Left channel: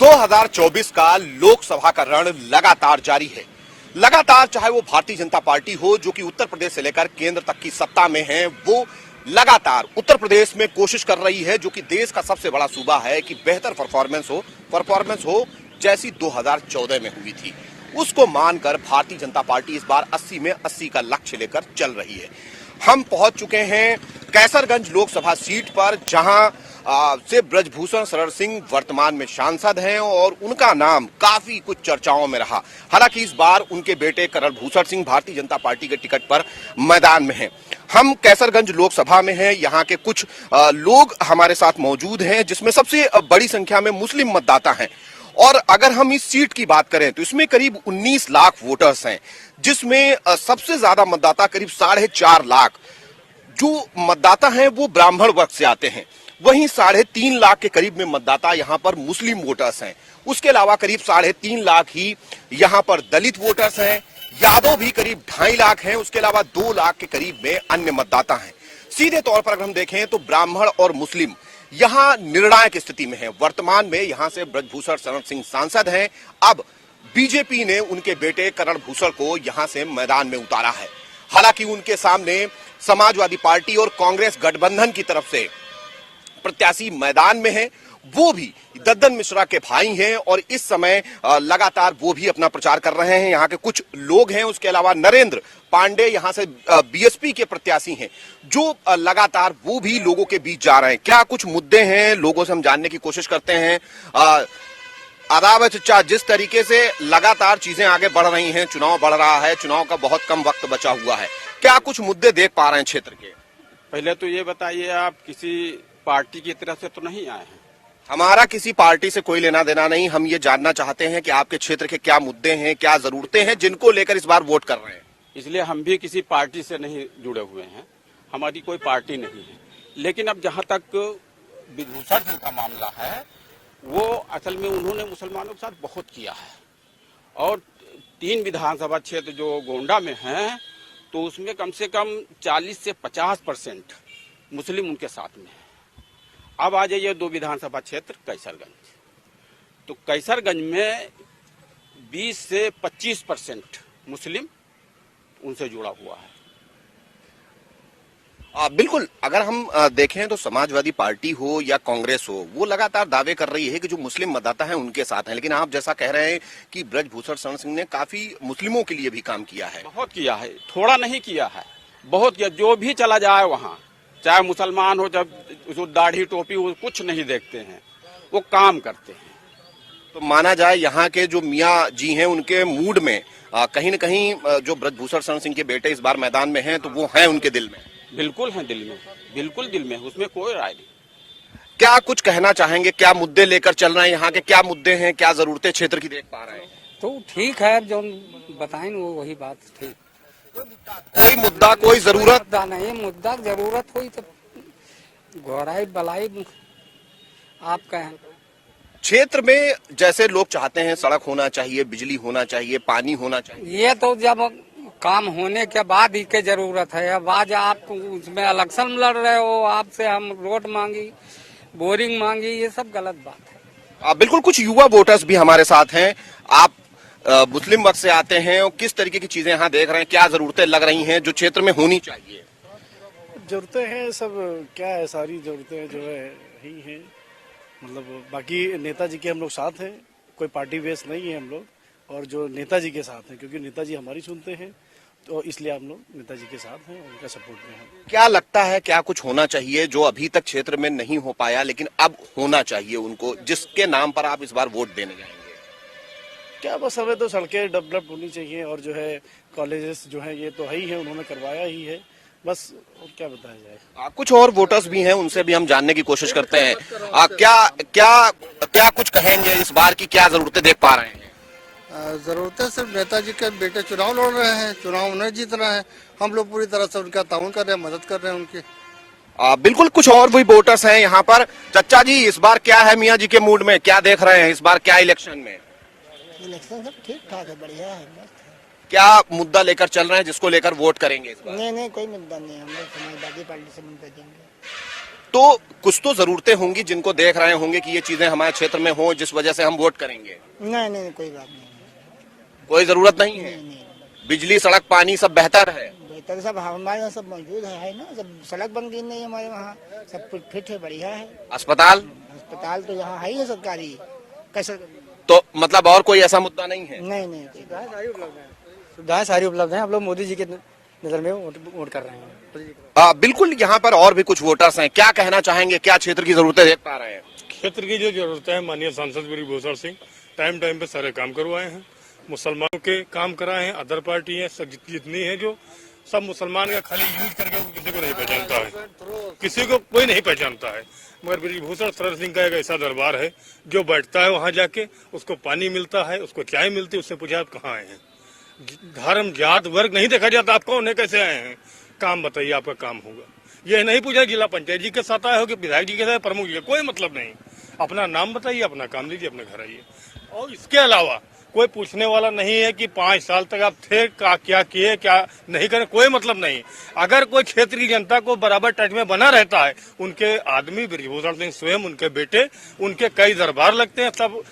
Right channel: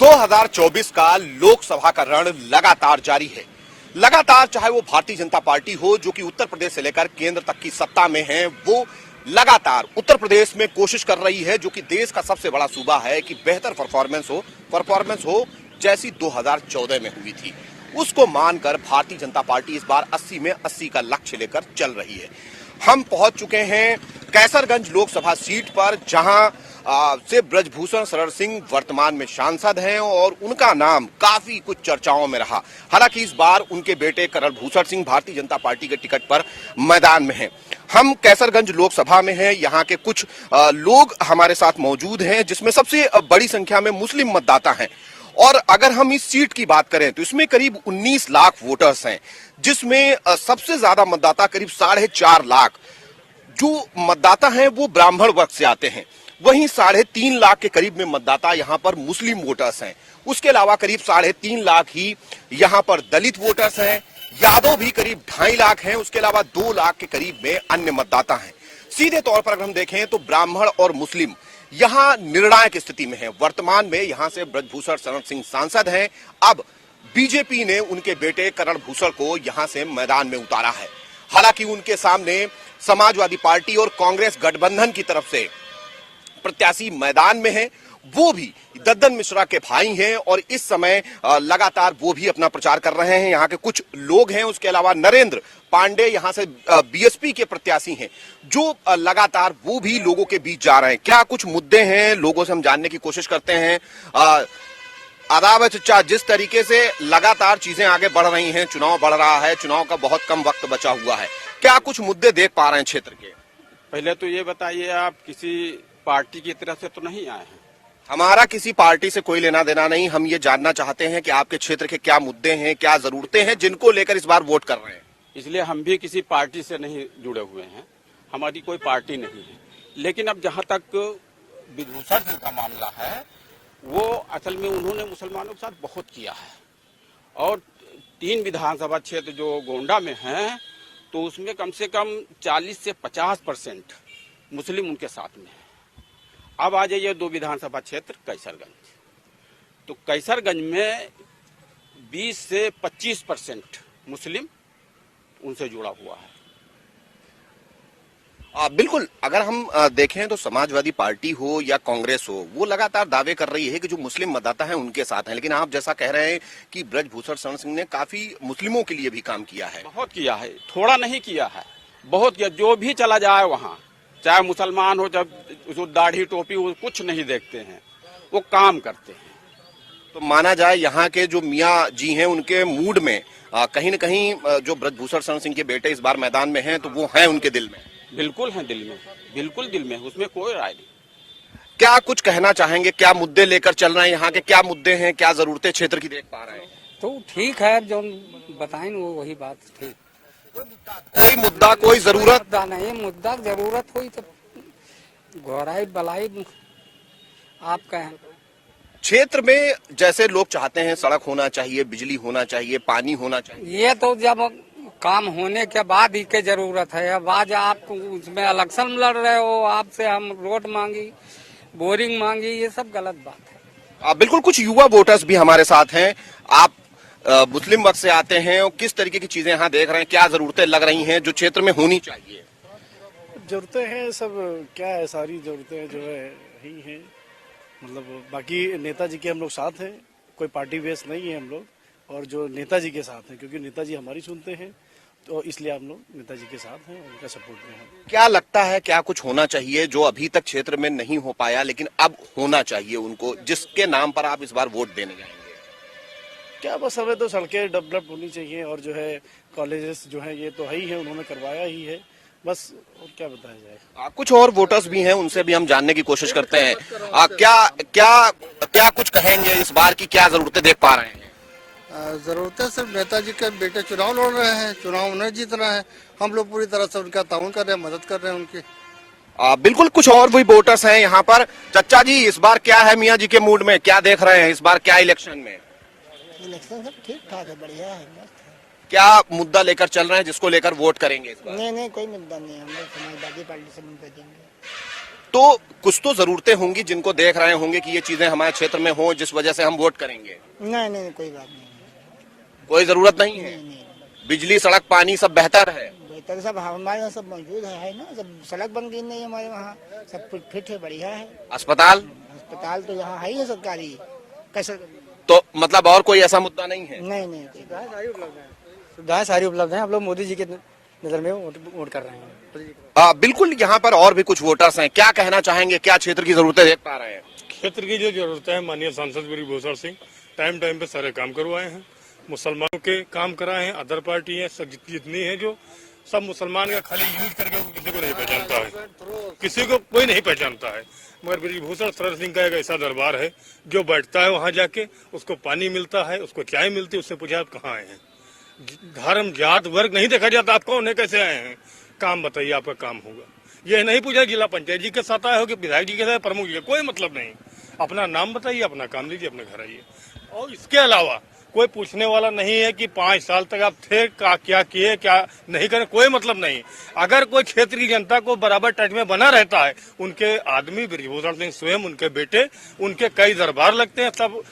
2024 का लोकसभा का रण लगातार जारी है। लगातार चाहे वो भारतीय जनता पार्टी हो जो कि उत्तर प्रदेश से लेकर केंद्र तक की सत्ता में है, वो लगातार उत्तर प्रदेश में कोशिश कर रही है जो कि देश का सबसे बड़ा सूबा है कि बेहतर परफॉर्मेंस हो जैसी 2014 में हुई थी। उसको मानकर भारतीय जनता पार्टी इस बार 80 में 80 का लक्ष्य लेकर चल रही है। हम पहुंच चुके हैं कैसरगंज लोकसभा सीट पर, जहां से ब्रजभूषण शरण सिंह वर्तमान में सांसद हैं और उनका नाम काफी कुछ चर्चाओं में रहा। हालांकि इस बार उनके बेटे करण भूषण सिंह भारतीय जनता पार्टी के टिकट पर मैदान में हैं। हम कैसरगंज लोकसभा में हैं, यहाँ के कुछ लोग हमारे साथ मौजूद हैं, जिसमें सबसे बड़ी संख्या में मुस्लिम मतदाता हैं। और अगर हम इस सीट की बात करें तो इसमें करीब 19 लाख वोटर्स हैं, जिसमें सबसे ज्यादा मतदाता करीब 4.5 लाख जो मतदाता हैं वो ब्राह्मण वर्ग से आते हैं। वहीं 3.5 लाख के करीब में मतदाता यहाँ पर मुस्लिम वोटर्स हैं। उसके अलावा करीब 3.5 लाख ही यहाँ पर दलित वोटर्स हैं। यादव भी करीब 2.5 लाख हैं। उसके अलावा 2 लाख के करीब में अन्य मतदाता हैं। सीधे तौर पर अगर हम देखें तो ब्राह्मण और मुस्लिम यहाँ निर्णायक स्थिति में है। वर्तमान में यहाँ से ब्रजभूषण शरण सिंह सांसद हैं। अब बीजेपी ने उनके बेटे करण भूषण को यहाँ से मैदान में उतारा है। हालांकि उनके सामने समाजवादी पार्टी और कांग्रेस गठबंधन की तरफ से प्रत्याशी मैदान में है। वो भी दद्दन मिश्रा के भाई हैं और इस समय लगातार वो भी अपना प्रचार कर रहे हैं। यहाँ के कुछ लोग हैं। उसके अलावा नरेंद्र पांडे यहाँ से बीएसपी के प्रत्याशी हैं, जो लगातार वो भी लोगों के बीच जा रहे हैं। क्या कुछ मुद्दे हैं, लोगों से हम जानने की कोशिश करते हैं। आदाब है चचा, जिस तरीके से लगातार चीजें आगे बढ़ रही हैं, चुनाव बढ़ रहा है, चुनाव का बहुत कम वक्त बचा हुआ है, क्या कुछ मुद्दे देख पा रहे हैं क्षेत्र के? पहले तो ये बताइए, आप किसी पार्टी की तरफ से तो नहीं आए हैं? हमारा किसी पार्टी से कोई लेना देना नहीं। हम ये जानना चाहते हैं कि आपके क्षेत्र के क्या मुद्दे हैं, क्या जरूरतें हैं जिनको लेकर इस बार वोट कर रहे हैं। इसलिए हम भी किसी पार्टी से नहीं जुड़े हुए हैं, हमारी कोई पार्टी नहीं है। लेकिन अब जहाँ तक ब्रजभूषण सिंह का मामला है, वो असल में उन्होंने मुसलमानों के साथ बहुत किया है और 3 विधानसभा क्षेत्र जो गोंडा में हैं, तो उसमें कम से कम 40 से 50% मुस्लिम उनके साथ में है। अब आ जाइए 2 विधानसभा क्षेत्र कैसरगंज, तो कैसरगंज में 20 से 25% मुस्लिम उनसे जुड़ा हुआ है। बिल्कुल, अगर हम देखें तो समाजवादी पार्टी हो या कांग्रेस हो, वो लगातार दावे कर रही है कि जो मुस्लिम मतदाता हैं उनके साथ हैं। लेकिन आप जैसा कह रहे हैं कि ब्रजभूषण शरण सिंह ने काफी मुस्लिमों के लिए भी काम किया है। बहुत किया है, थोड़ा नहीं किया है, बहुत किया। जो भी चला जाए वहाँ, चाहे मुसलमान हो, जब जो दाढ़ी टोपी, वो कुछ नहीं देखते हैं, वो काम करते हैं। तो माना जाए यहाँ के जो मियाँ जी हैं उनके मूड में कहीं न कहीं जो ब्रजभूषण शरण सिंह के बेटे इस बार मैदान में हैं, तो वो हैं उनके दिल में। बिल्कुल है दिल में, बिल्कुल दिल में, उसमें कोई राय नहीं। क्या कुछ कहना चाहेंगे, क्या मुद्दे लेकर चल रहे हैं, यहाँ के क्या मुद्दे हैं, क्या जरूरतें क्षेत्र की देख पा रहे हैं? तो ठीक है, जो बताएं वो वही बात ठीक। कोई मुद्दा, कोई जरूरत नहीं, मुद्दा जरूरत हुई तो घोड़ाई बलाई आप कहें। क्षेत्र में जैसे लोग चाहते हैं सड़क होना चाहिए, बिजली होना चाहिए, पानी होना चाहिए, ये तो जब काम होने के बाद ही के जरूरत है। अब आज आप उसमें इलेक्शन लड़ रहे हो, आपसे हम रोड मांगी, बोरिंग मांगी, ये सब गलत बात है। बिल्कुल। कुछ युवा वोटर्स भी हमारे साथ हैं। आप मुस्लिम वर्ग से आते हैं और किस तरीके की चीजें यहाँ देख रहे हैं, क्या जरूरतें लग रही हैं जो क्षेत्र में होनी चाहिए? जरूरतें हैं सब, क्या है, सारी जरूरतें जो है ही हैं। मतलब बाकी नेताजी के हम लोग साथ हैं, कोई पार्टी बेस नहीं है हम लोग, और जो नेताजी के साथ हैं, क्योंकि नेताजी हमारी सुनते हैं, तो इसलिए हम लोग नेताजी के साथ हैं, उनका सपोर्ट में हैं। क्या लगता है क्या कुछ होना चाहिए जो अभी तक क्षेत्र में नहीं हो पाया लेकिन अब होना चाहिए उनको, जिसके नाम पर आप इस बार वोट देने जाएंगे? क्या बस हमें तो सड़कें डेवलप होनी चाहिए, और जो है कॉलेजेस जो है ये तो है ही है, उन्होंने करवाया ही है, बस और क्या बताया जाए। कुछ और वोटर्स भी हैं, उनसे भी हम जानने की कोशिश करते हैं। क्या क्या क्या कुछ कहेंगे, इस बार की क्या जरूरतें देख पा रहे हैं? जरूरतें सिर्फ नेताजी के बेटे चुनाव लड़ रहे हैं, चुनाव उन्हें जीत रहे हैं, हम लोग पूरी तरह से उनका ताउन कर रहे हैं, मदद कर रहे हैं उनकी। बिल्कुल। कुछ और भी वोटर्स हैं यहाँ पर। चचा जी, इस बार क्या है मियाँ जी के मूड में, क्या देख रहे हैं इस बार, क्या इलेक्शन में? इलेक्शन सब ठीक ठाक है, बढ़िया है, मस्त है। क्या मुद्दा लेकर चल रहे हैं जिसको लेकर वोट करेंगे इस बार? नहीं, कोई मुद्दा नहीं है, हम लोग समाजवादी पार्टी से मुद्दा देंगे। तो कुछ तो जरूरतें होंगी जिनको देख रहे होंगे कि ये चीजें हमारे क्षेत्र में हो जिस वजह से हम वोट करेंगे। नहीं नहीं कोई बात नहीं। कोई जरूरत नहीं है। बिजली सड़क पानी सब बेहतर है। बेहतर सब हमारे यहाँ सब मौजूद है ना, सब सड़क बन गई नहीं हमारे वहाँ, सब कुछ फिट है, बढ़िया है। अस्पताल अस्पताल तो यहाँ है ही है सरकारी, कैसे? तो मतलब और कोई ऐसा मुद्दा नहीं है। नहीं नहीं सुविधाएं सारी उपलब्ध हैं। हम लोग मोदी जी के नजर में वोट कर रहे हैं। बिल्कुल, यहाँ पर और भी कुछ वोटर्स हैं, क्या कहना चाहेंगे, क्या क्षेत्र की जरूरतें देख पा रहे हैं? क्षेत्र की जो जरूरत है, माननीय सांसद ब्रिजभूषण सिंह टाइम टाइम पे सारे काम करवाए हैं, मुसलमानों के काम कराए हैं। अदर पार्टी है सब जितनी है जो सब मुसलमान का खाली यूज करके किसी को नहीं पहचानता है, किसी को कोई नहीं पहचानता है। मगर ब्रिजभूषण शरण सिंह का एक ऐसा दरबार है जो बैठता है वहां जाके, उसको पानी मिलता है, उसको चाय मिलती है, उससे पूछा आप कहाँ आए हैं। धर्म जात वर्ग नहीं देखा जाता, आप कौन है, कैसे आए हैं, काम बताइए, आपका काम होगा। ये नहीं पूछा जिला पंचायत जी के साथ आए हो कि विधायक जी के साथ, प्रमुख जी, कोई मतलब नहीं। अपना नाम बताइए, अपना काम दीजिए, अपने घर आइए। और इसके अलावा कोई पूछने वाला नहीं है कि 5 साल तक आप थे, क्या किए, क्या नहीं करे, कोई मतलब नहीं। अगर कोई क्षेत्र की जनता को बराबर टच में बना रहता है, उनके आदमी ब्रिजभूषण सिंह स्वयं, उनके बेटे, उनके कई दरबार लगते हैं, सब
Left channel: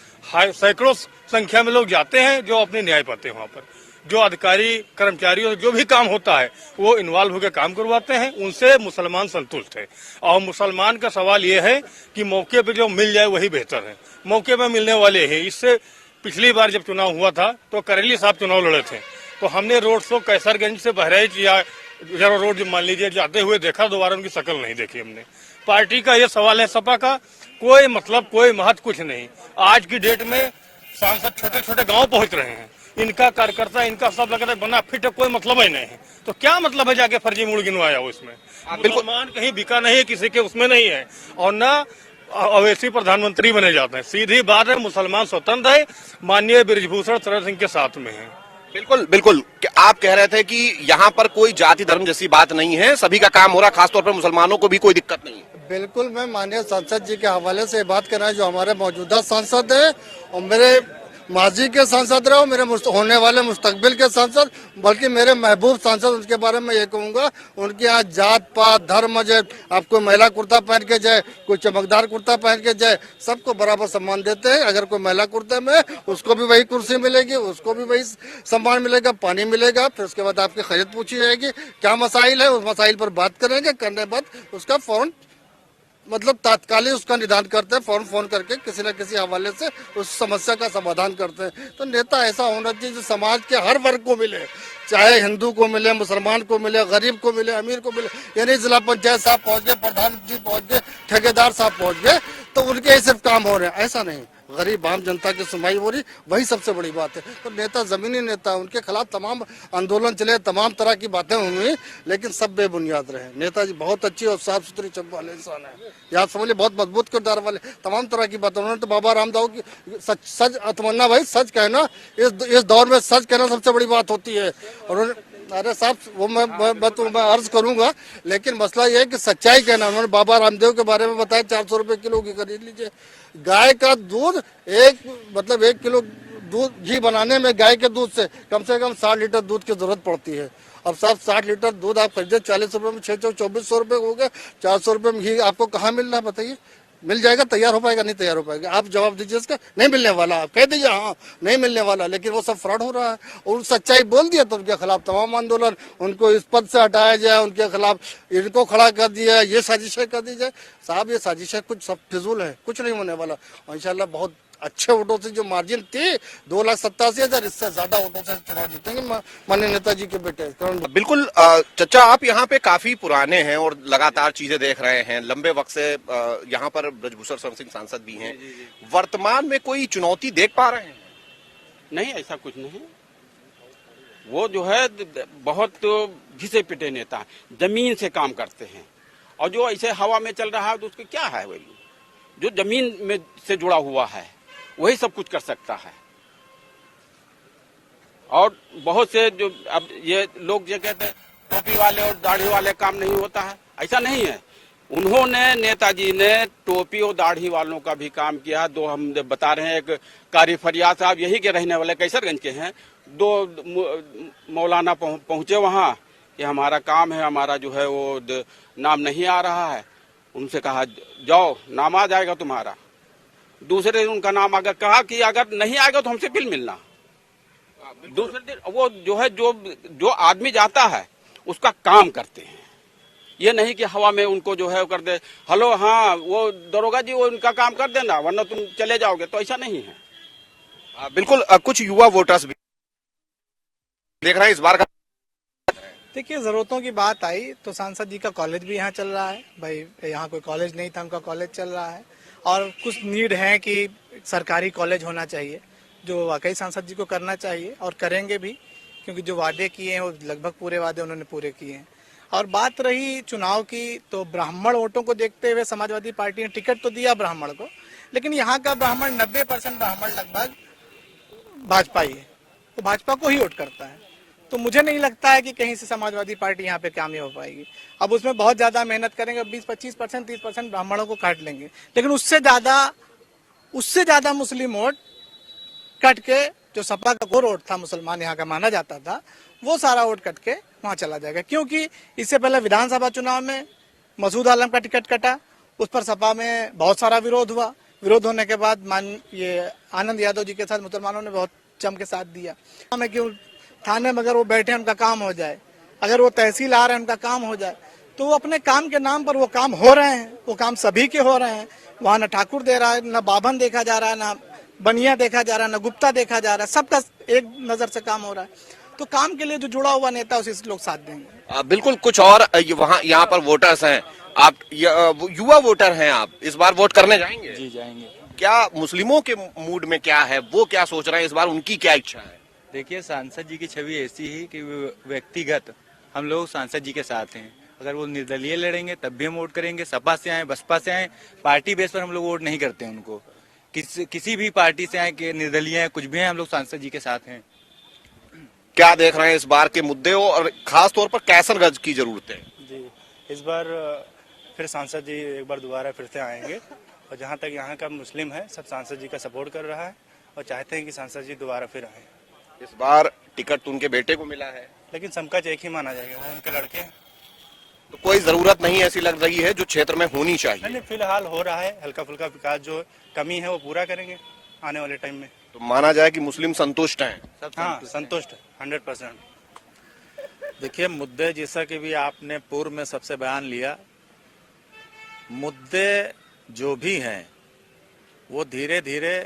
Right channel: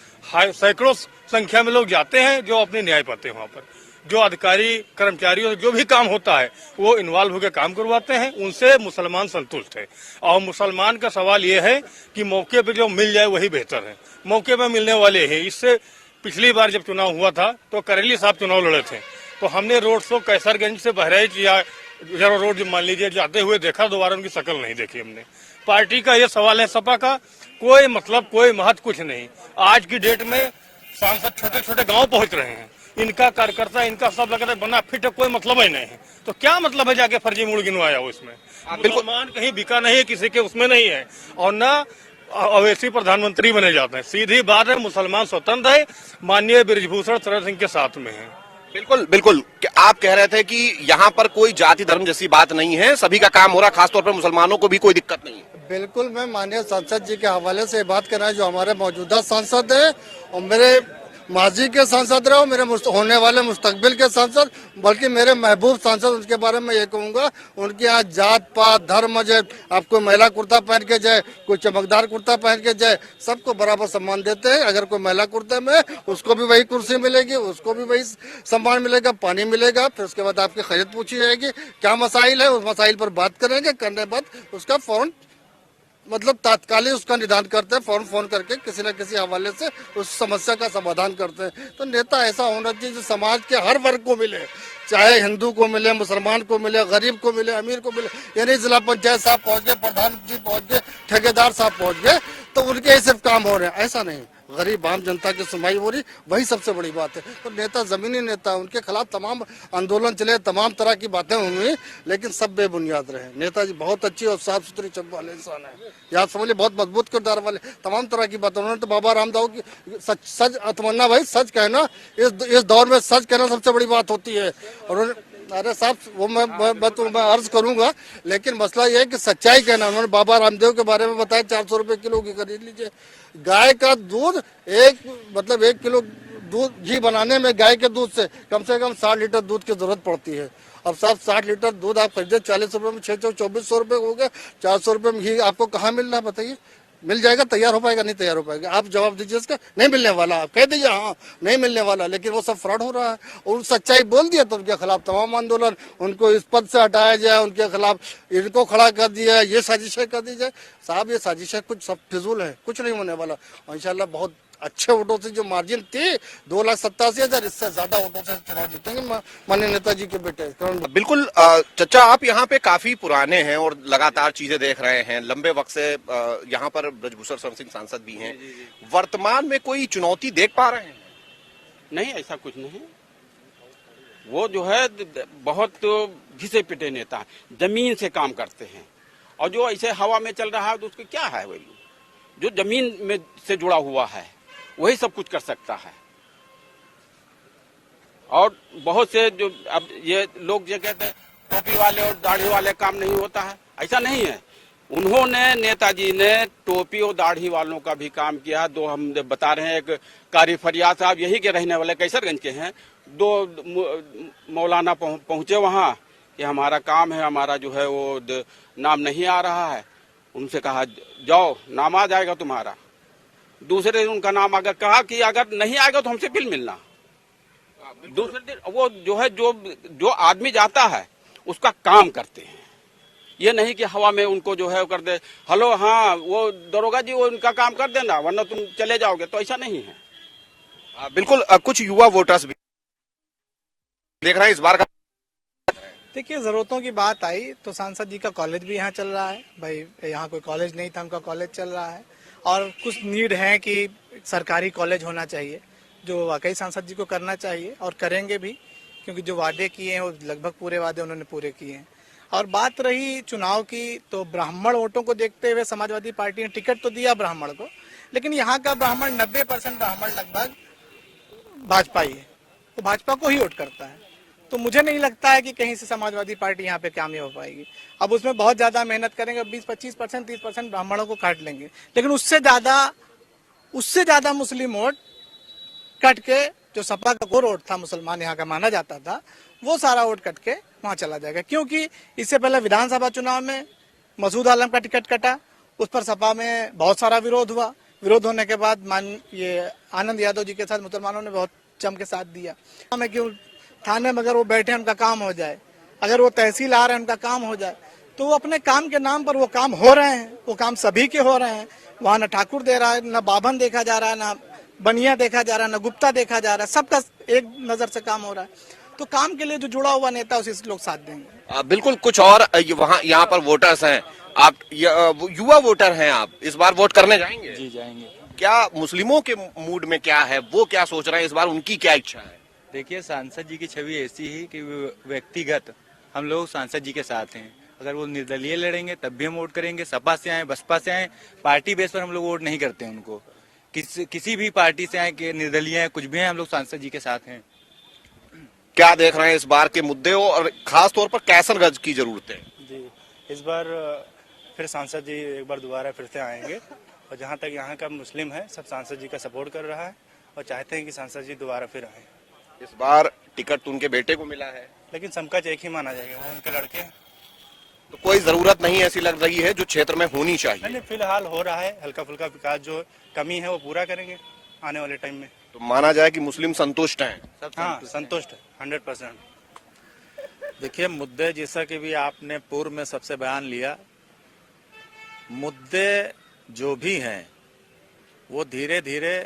सैकड़ों संख्या में लोग जाते हैं जो अपने न्याय पाते हैं। वहाँ पर जो अधिकारी कर्मचारियों जो भी काम होता है वो इन्वॉल्व होकर काम करवाते हैं, उनसे मुसलमान संतुष्ट है। और मुसलमान का सवाल ये है कि मौके पे जो मिल जाए वही बेहतर है, मौके पे मिलने वाले हैं। इससे पिछली बार जब चुनाव हुआ था तो करेली साहब चुनाव लड़े थे, तो हमने रोड शो कैसरगंज से बहराइच या जरा रोड मान लीजिए जाते हुए देखा, दोबारा उनकी शक्ल नहीं देखी हमने। पार्टी का ये सवाल है, सपा का कोई मतलब कोई महत्व कुछ नहीं। आज की डेट में सांसद छोटे छोटे गांव पहुंच रहे हैं, इनका कार्यकर्ता इनका सब लग रहा है बना फिट, कोई मतलब ही नहीं है। तो क्या मतलब है जाके फर्जी मूड गिनवाया हो इसमें? मुसलमान कहीं बिका नहीं है, किसी के उसमें नहीं है, और न अवैसी प्रधानमंत्री बने जाते हैं। सीधी बात है, मुसलमान स्वतंत्र है, माननीय ब्रिजभूषण शरण सिंह के साथ में है। बिल्कुल बिल्कुल, आप कह रहे थे कि यहाँ पर कोई जाति धर्म जैसी बात नहीं है, सभी का काम हो रहा, खासतौर पर मुसलमानों को भी कोई दिक्कत नहीं है। बिल्कुल, मैं माननीय सांसद जी के हवाले से बात करना है, जो हमारे मौजूदा सांसद है और मेरे माजी के सांसद रहे, मेरे होने वाले मुस्तकबिल के सांसद, बल्कि मेरे महबूब सांसद, उनके बारे में ये कहूँगा, उनके यहाँ जात पात धर्म जाए, आपको महिला कुर्ता पहन के जाए, कोई चमकदार कुर्ता पहन के जाए, सबको बराबर सम्मान देते हैं। अगर कोई महिला कुर्ते में, उसको भी वही कुर्सी मिलेगी, उसको भी वही सम्मान मिलेगा, पानी मिलेगा। फिर उसके बाद आपकी खैरियत पूछी जाएगी, क्या मसाइल है, उस मसाइल पर बात करेंगे, करने के बाद उसका फौरन मतलब तात्कालिक उसका निदान करते हैं, फोन करके किसी न किसी हवाले से उस समस्या का समाधान करते हैं। तो नेता ऐसा होना चाहिए जो समाज के हर वर्ग को मिले, चाहे हिंदू को मिले, मुसलमान को मिले, गरीब को मिले, अमीर को मिले। यानी जिला पंचायत साहब पहुंच गए, प्रधान जी पहुंच गए, ठेकेदार साहब पहुंच गए, तो उनके ही सिर्फ काम हो रहे हैं, ऐसा नहीं। गरीब आम जनता की सुनवाई हो रही, वही सबसे बड़ी बात है। तो नेता जमीनी नेता, उनके खिलाफ तमाम आंदोलन चले, तमाम तरह की बातें हुई, लेकिन सब बेबुनियाद रहे। नेताजी बहुत अच्छी और साफ सुथरी चंप वाले इंसान है, याद समझिए, बहुत मजबूत किरदार वाले, तमाम तरह की बातें। उन्होंने तो बाबा रामदेव की सच तमन्ना, भाई सच कहना, इस दौर में सच कहना सबसे बड़ी बात होती है। और अरे साहब, वो मैं अर्ज करूंगा, लेकिन मसला ये है कि सच्चाई कहना। उन्होंने बाबा रामदेव के बारे में बताया, 400 रुपए किलो की खरीद लीजिए। गाय का दूध एक किलो दूध घी बनाने में गाय के दूध से कम 60 लीटर दूध की जरूरत पड़ती है। अब साहब 60 लीटर दूध आप खरीदे 40 रुपए में, 2400 रुपए हो गए। 400 रुपए में घी आपको कहाँ मिल रहा है बताइए? मिल जाएगा, तैयार हो पाएगा? नहीं तैयार हो पाएगा। आप जवाब दीजिए इसका, नहीं मिलने वाला। आप कह दीजिए हाँ नहीं मिलने वाला, लेकिन वो सब फ्रॉड हो रहा है। और सच्चाई बोल दिया तो उनके खिलाफ तमाम आंदोलन, उनको इस पद से हटाया जाए, उनके खिलाफ इनको खड़ा कर दिया, ये साजिशें कर दी जाए। साहब ये साजिशें कुछ सब फिजूल है, कुछ नहीं होने वाला। इंशाल्लाह बहुत अच्छे वोटों से, जो मार्जिन थी 2,87,000, इससे ज्यादा वोटों से चुनाव जीतेंगे माननीय नेताजी के बेटे। बिल्कुल चचा, आप यहाँ पे काफी पुराने हैं और लगातार चीजें देख रहे हैं, लंबे वक्त से यहाँ पर ब्रिजभूषण शरण सिंह सांसद भी हैं। वर्तमान में कोई चुनौती देख पा रहे हैं? नहीं, ऐसा कुछ नहीं। वो जो है बहुत घिसे पिटे नेता, जमीन से काम करते हैं, और जो ऐसे हवा में चल रहा है तो उसके क्या है वैल्यू? जो जमीन में से जुड़ा हुआ है वही सब कुछ कर सकता है। और बहुत से जो अब ये लोग जो कहते हैं टोपी वाले और दाढ़ी वाले काम नहीं होता है, ऐसा नहीं है। उन्होंने, नेताजी ने टोपी और दाढ़ी वालों का भी काम किया। दो हम बता रहे हैं, एक कारी फरियाद साहब यही के रहने वाले कैसरगंज के हैं, 2 मौलाना पहुंचे वहाँ कि हमारा काम है, हमारा जो है वो नाम नहीं आ रहा है। उनसे कहा जाओ नाम आ जाएगा तुम्हारा। दूसरे दिन उनका नाम अगर कहा कि अगर नहीं आएगा तो हमसे बिल मिलना। दूसरे दिन वो जो है जो आदमी जाता है उसका काम करते हैं, ये नहीं कि हवा में उनको जो है कर दे हेलो हाँ वो दरोगा जी वो उनका काम कर देना वरना तुम चले जाओगे, तो ऐसा नहीं है। बिल्कुल कुछ युवा वोटर्स भी देख रहे हैं इस बार का। देखिए, जरूरतों की बात आई तो सांसद जी का कॉलेज भी यहाँ चल रहा है। भाई यहाँ कोई कॉलेज नहीं था, उनका कॉलेज चल रहा है। और कुछ नीड है कि सरकारी कॉलेज होना चाहिए, जो वाकई सांसद जी को करना चाहिए और करेंगे भी, क्योंकि जो वादे किए हैं वो लगभग पूरे वादे उन्होंने पूरे किए हैं। और बात रही चुनाव की, तो ब्राह्मण वोटों को देखते हुए समाजवादी पार्टी ने टिकट तो दिया ब्राह्मण को, लेकिन यहाँ का ब्राह्मण 90% ब्राह्मण लगभग भाजपा ही है, तो भाजपा को ही वोट करता है। तो मुझे नहीं लगता है कि कहीं से समाजवादी पार्टी यहाँ पे कामयाब हो पाएगी। अब उसमें बहुत ज्यादा मेहनत करेंगे, 20-25%, 30% ब्राह्मणों को काट लेंगे, लेकिन उससे ज्यादा मुस्लिम वोट कट के, जो सपा का कोर वोट था मुसलमान यहाँ का माना जाता था, वो सारा वोट कट के वहाँ चला जाएगा। क्योंकि इससे पहले विधानसभा चुनाव में मसूद आलम का टिकट कटा, उस पर सपा में बहुत सारा विरोध हुआ। विरोध होने के बाद ये आनंद यादव जी के साथ मुसलमानों ने बहुत जम के साथ दिया। हमें क्यों थाने में अगर वो बैठे उनका काम हो जाए, अगर वो तहसील आ रहे हैं उनका काम हो जाए, तो वो अपने काम के नाम पर वो काम हो रहे हैं, वो काम सभी के हो रहे हैं। वहाँ न ठाकुर दे रहा है, न बाभन देखा जा रहा है, न बनिया देखा जा रहा है, न गुप्ता देखा जा रहा है, सबका एक नजर से काम हो रहा है। तो काम के लिए जो जुड़ा हुआ नेता उसे लोग साथ देंगे। बिल्कुल कुछ और वहाँ यहाँ पर वोटर्स हैं, आप युवा वोटर हैं, आप इस बार वोट करने जाएंगे? जी जाएंगे। क्या मुस्लिमों के मूड में क्या है, वो क्या सोच रहे हैं इस बार, उनकी क्या इच्छा है? देखिए, सांसद जी की छवि ऐसी ही कि व्यक्तिगत हम लोग सांसद जी के साथ हैं। अगर वो निर्दलीय लड़ेंगे तब भी हम वोट करेंगे, सपा से आए बसपा से आए, पार्टी बेस पर हम लोग वोट नहीं करते हैं उनको। किसी भी पार्टी से आए कि निर्दलीय है कुछ भी है, हम लोग सांसद जी के साथ हैं। क्या देख रहे हैं इस बार के मुद्दे हो और खास तौर पर कैसरगंज की जरूरत है? जी, इस बार फिर सांसद जी एक बार दोबारा फिर से आएंगे, और जहाँ तक यहाँ का मुस्लिम है सब सांसद जी का सपोर्ट कर रहा है और चाहते हैं कि सांसद जी दोबारा फिर आए। इस बार टिकट तो उनके बेटे को मिला है, लेकिन समकक्ष एक ही माना जाएगा, वो उनके लड़के हैं। तो कोई जरूरत नहीं ऐसी लग रही है जो क्षेत्र में होनी चाहिए? नहीं, फिलहाल हो रहा है, हल्का फुल्का विकास जो कमी है वो पूरा करेंगे आने वाले टाइम में। तो माना जाए कि मुस्लिम संतुष्ट हैं? हाँ, संतुष्ट 100%। देखिए, मुद्दे जैसा कि भी आपने पूर्व में सबसे बयान लिया, मुद्दे जो भी हैं वो धीरे धीरे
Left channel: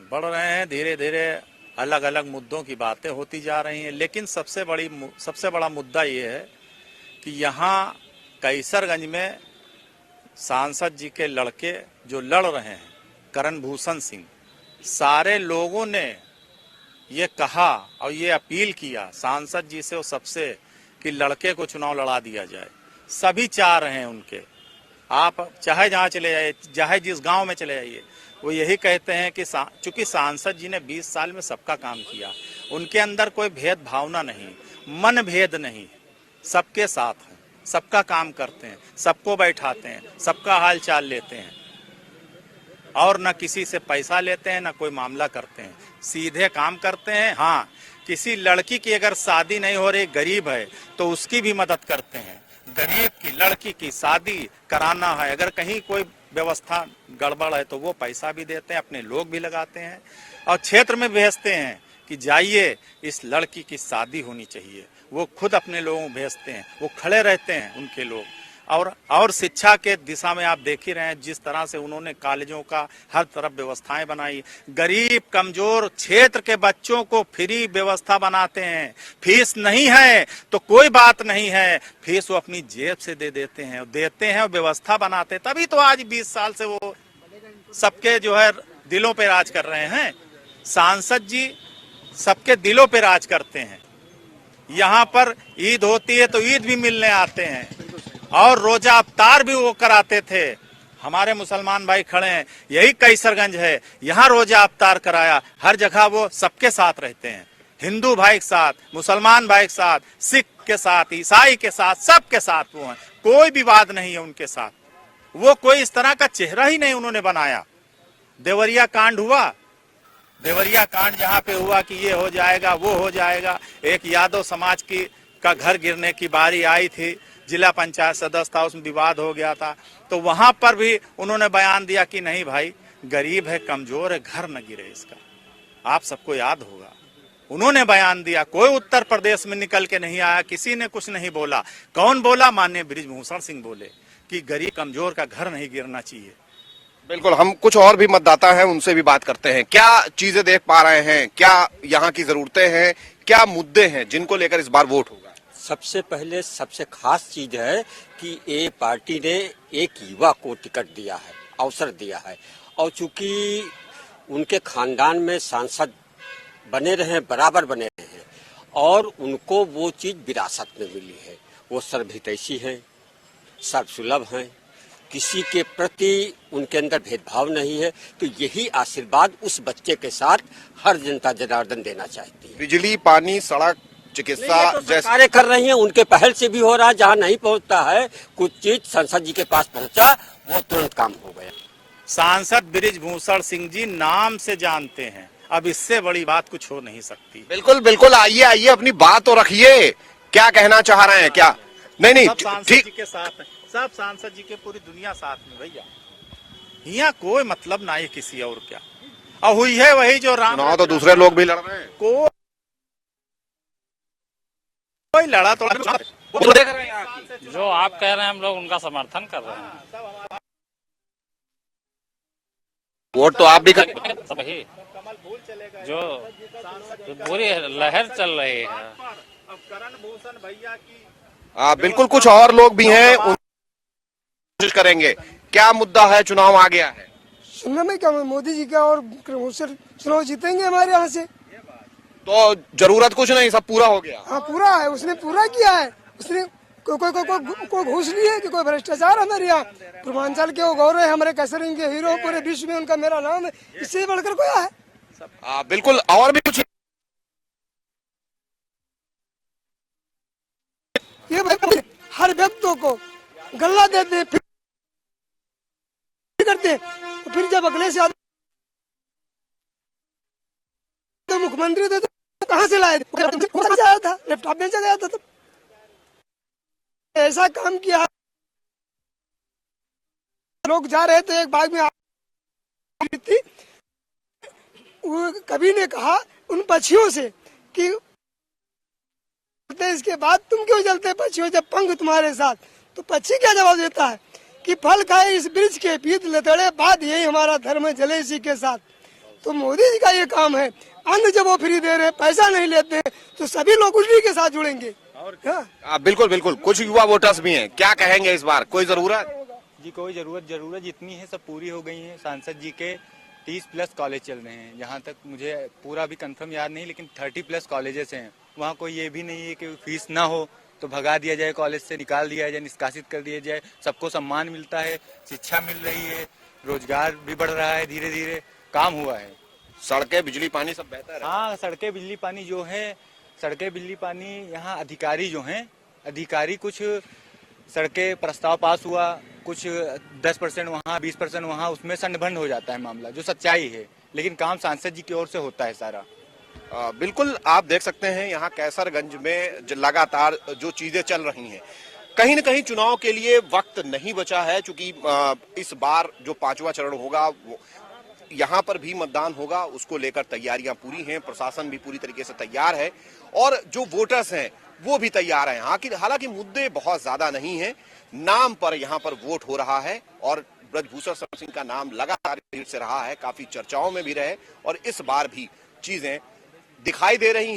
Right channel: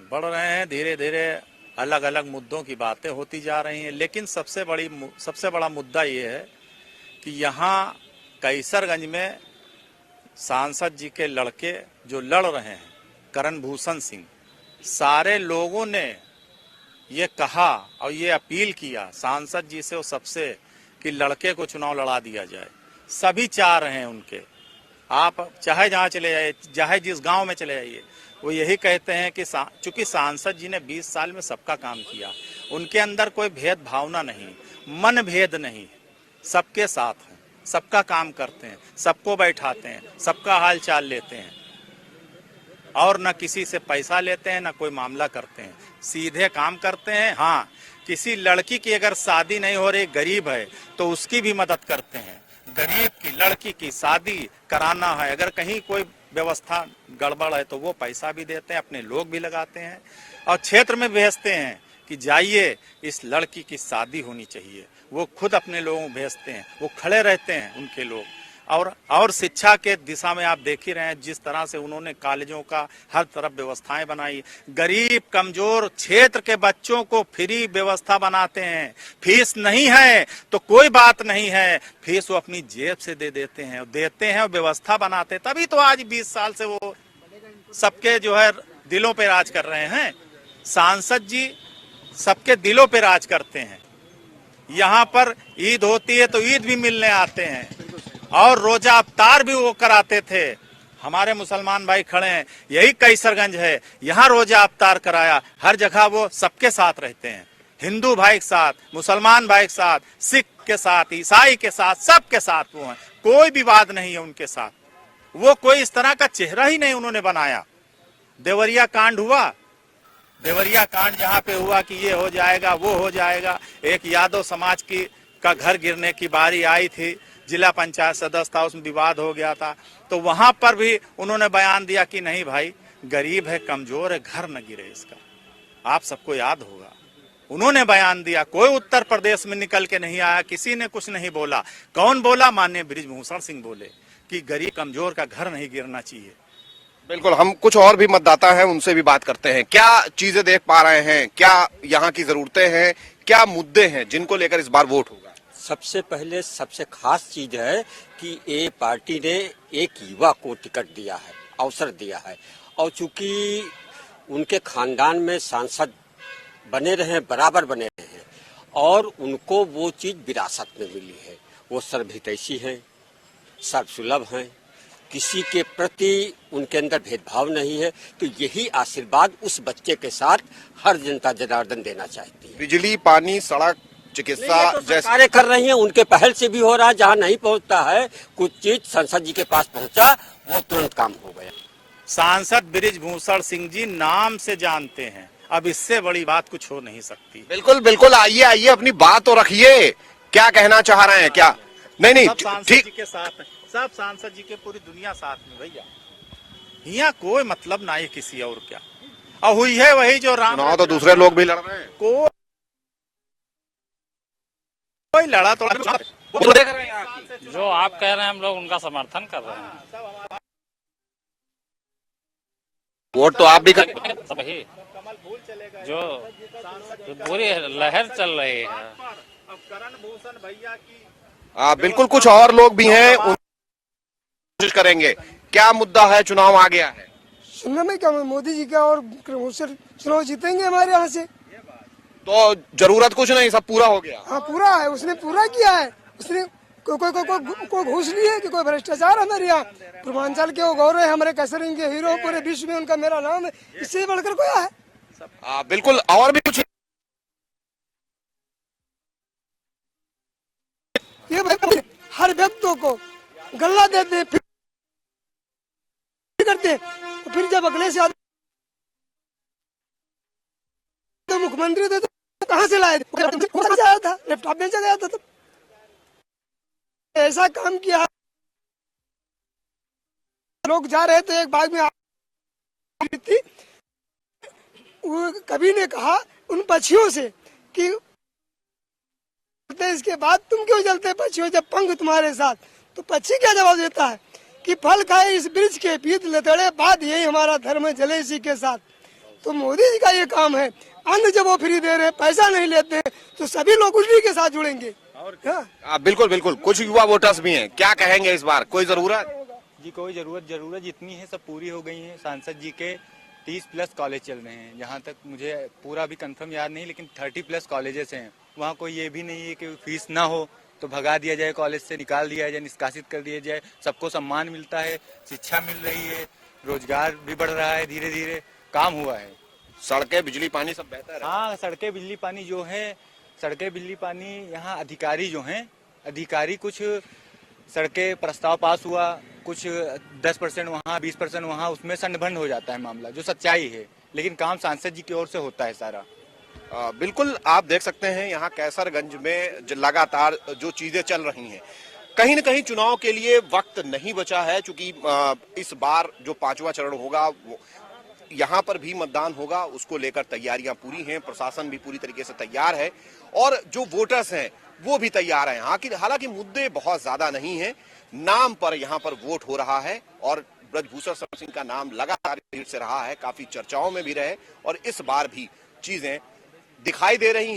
बढ़ रहे हैं, धीरे धीरे अलग अलग मुद्दों की बातें होती जा रही हैं। लेकिन सबसे बड़ा मुद्दा ये है कि यहाँ कैसरगंज में सांसद जी के लड़के जो लड़ रहे हैं, करण भूषण सिंह, सारे लोगों ने ये कहा और ये अपील किया सांसद जी से, वो सबसे, कि लड़के को चुनाव लड़ा दिया जाए। सभी चाह रहे हैं उनके, आप चाहे जहाँ चले जाइए, चाहे जिस गांव में चले जाइए, वो यही कहते हैं कि चूंकि सांसद जी ने 20 साल में सबका काम किया, उनके अंदर कोई भेद भावना नहीं, मन भेद नहीं, सबके साथ हैं, सबका काम करते हैं, सबको बैठाते हैं, सबका हाल चाल लेते हैं, और न किसी से पैसा लेते हैं, न कोई मामला करते हैं, सीधे काम करते हैं। हाँ, किसी लड़की की अगर शादी नहीं हो रही, गरीब है, तो उसकी भी मदद करते हैं। गरीब की लड़की की शादी कराना है, अगर कहीं कोई व्यवस्था गड़बड़ है तो वो पैसा भी देते हैं, अपने लोग भी लगाते हैं और क्षेत्र में भेजते हैं कि जाइए इस लड़की की शादी होनी चाहिए। वो खुद अपने लोगों को भेजते हैं, वो खड़े रहते हैं उनके लोग। और शिक्षा के दिशा में आप देख ही रहे हैं जिस तरह से उन्होंने कॉलेजों का हर तरफ व्यवस्थाएं बनाई। गरीब कमजोर क्षेत्र के बच्चों को फ्री व्यवस्था बनाते हैं। फीस नहीं है तो कोई बात नहीं है, फीस वो अपनी जेब से दे देते हैं, व्यवस्था बनाते, तभी तो आज 20 साल से वो सबके जो है दिलों पे राज कर रहे हैं। सांसद जी सबके दिलों पे राज करते हैं। यहाँ पर ईद होती है तो ईद भी मिलने आते हैं और रोजा अफ्तार भी वो कराते थे। हमारे मुसलमान भाई खड़े हैं, यही कैसरगंज है, यहाँ रोजा अफ्तार कराया। हर जगह वो सबके साथ रहते हैं, हिंदू भाई के साथ, मुसलमान भाई के साथ, सिख के साथ, ईसाई के साथ, सबके साथ वो हैं। कोई विवाद नहीं है उनके साथ। वो कोई इस तरह का चेहरा ही नहीं उन्होंने बनाया। देवरिया कांड हुआ, देवरिया कांड जहाँ पे हुआ कि ये हो जाएगा वो हो जाएगा, एक यादव समाज का घर गिरने की बारी आई थी, जिला पंचायत सदस्य था, उसमें विवाद हो गया था, तो वहां पर भी उन्होंने बयान दिया कि नहीं भाई, गरीब है, कमजोर है, घर न गिरे इसका। आप सबको याद होगा, उन्होंने बयान दिया, कोई उत्तर प्रदेश में निकल के नहीं आया, किसी ने कुछ नहीं बोला। कौन बोला? माननीय बृजभूषण सिंह बोले कि गरीब कमजोर का घर नहीं गिरना चाहिए। बिल्कुल, हम कुछ और भी मतदाता हैं, उनसे भी बात करते हैं। क्या चीजें देख पा रहे हैं, क्या यहाँ की जरूरतें हैं, क्या मुद्दे हैं जिनको लेकर इस बार वोट होगा? सबसे पहले सबसे खास चीज है कि ये पार्टी ने एक युवा को टिकट दिया है, अवसर दिया है, और चूंकि उनके खानदान में सांसद बने रहे, बराबर बने रहे, और उनको वो चीज विरासत में मिली है। वो सर्वहितैषी है, सर्वसुलभ है, किसी के प्रति उनके अंदर भेदभाव नहीं है। तो यही आशीर्वाद उस बच्चे के साथ हर जनता जनार्दन देना चाहती है। बिजली, पानी, सड़क, चिकित्सा जैसे कार्य कर रही हैं, उनके पहल से भी हो रहा है। जहाँ नहीं पहुँचता है कुछ चीज, संसद जी के पास पहुँचा, वो तुरंत काम हो गया। सांसद बृजभूषण सिंह जी नाम से जानते हैं, अब इससे बड़ी बात कुछ हो नहीं सकती। बिल्कुल बिल्कुल, आइए आइए, अपनी बात तो रखिए, क्या कहना चाह रहे हैं? क्या नहीं, सब सांसद ठीक, जी के साथ है, सब सांसद जी के पूरी दुनिया साथ में भैया, यहाँ कोई मतलब ना है किसी और क्या। और हुई है वही जो राम, चुनाव तो दूसरे लोग भी लड़ रहे हैं, कोई लड़ा तो देख रहे हैं। जो आप कह रहे हैं हम लोग उनका समर्थन कर रहे हैं। वोट तो आप भी कर, वही जो पूरी लहर चल रही है। करण भूषण भैया की बिल्कुल, कुछ और लोग भी हैं, कोशिश करेंगे। क्या मुद्दा है? चुनाव आ गया है, सुनने में क्या, मोदी जी का और चुनाव जीतेंगे हमारे यहाँ से। तो जरूरत कुछ नहीं, सब पूरा हो गया। हाँ पूरा है, उसने पूरा किया है। उसने कोई घूस ली है कि कोई भ्रष्टाचार हमारे यहाँ। पूर्वांचल के वो गौरव है, हमारे कैसरिंग के हीरो, पूरे विश्व में उनका मेरा नाम है, इससे बढ़कर कोई है? बिल्कुल, और भी कुछ ये हर व्यक्ति को गल्ला देते हैं, फिर करते हैं, फिर जब अगले से तो मुख्यमंत्री थे तो कहाँ से लाए थे? आया था, लैपटॉप बेचा गया था। तो ऐसा काम किया, लोग जा रहे थे, एक बाग में थी, वो कवि ने कहा उन पक्षियों से कि इसके बाद तुम क्यों जलते पक्षियों, जब पंख तुम्हारे साथ। तो पक्षी क्या जवाब देता है कि फल खाए इस वृक्ष के, पीत लतड़े, बात यही हमारा धर्म है, जले इसी के साथ। तो मोदी जी का ये काम है, अन्न जब वो फ्री दे रहे, पैसा नहीं लेते, तो सभी लोग उसी के साथ जुड़ेंगे। बिल्कुल बिल्कुल, कुछ युवा वोटर्स भी हैं, क्या कहेंगे इस बार? कोई जरूरत जी, कोई जरूरत जितनी है सब पूरी हो गई है। सांसद जी के 30+ कॉलेज चल रहे हैं, जहाँ तक मुझे पूरा भी कंफर्म याद नहीं, लेकिन 30+ कॉलेजेस हैं। वहाँ कोई ये भी नहीं है कि फीस ना हो तो भगा दिया जाए, कॉलेज से निकाल दिया जाए, निष्कासित कर दिया जाए। सबको सम्मान मिलता है, शिक्षा मिल रही है, रोजगार भी बढ़ रहा है, धीरे धीरे काम हुआ है। सड़कें, बिजली, पानी सब बेहतर है। हाँ, सड़कें, बिजली, पानी जो है, सड़कें, बिजली, पानी, यहाँ अधिकारी जो हैं, अधिकारी कुछ सड़कें प्रस्ताव पास हुआ, कुछ 10% वहाँ, 20% वहाँ, उसमें संडभंड हो जाता है मामला, जो सच्चाई है, लेकिन काम सांसद जी की ओर से होता है सारा। बिल्कुल, आप देख सकते हैं यहाँ कैसरगंज में लगातार जो चीजें चल रही हैं, कहीं न कहीं चुनाव के लिए वक्त नहीं बचा है, क्योंकि इस बार जो 5वां चरण होगा यहाँ पर भी मतदान होगा, उसको लेकर तैयारियां पूरी हैं, प्रशासन भी पूरी तरीके से तैयार है और जो वोटर्स हैं वो भी तैयार हैं। हालांकि मुद्दे बहुत ज्यादा नहीं हैं, नाम पर यहाँ पर वोट हो रहा है और बृजभूषण सिंह का नाम लगातार से रहा है, काफी चर्चाओं में भी रहे और इस बार भी चीजें दिखाई दे रही हैं।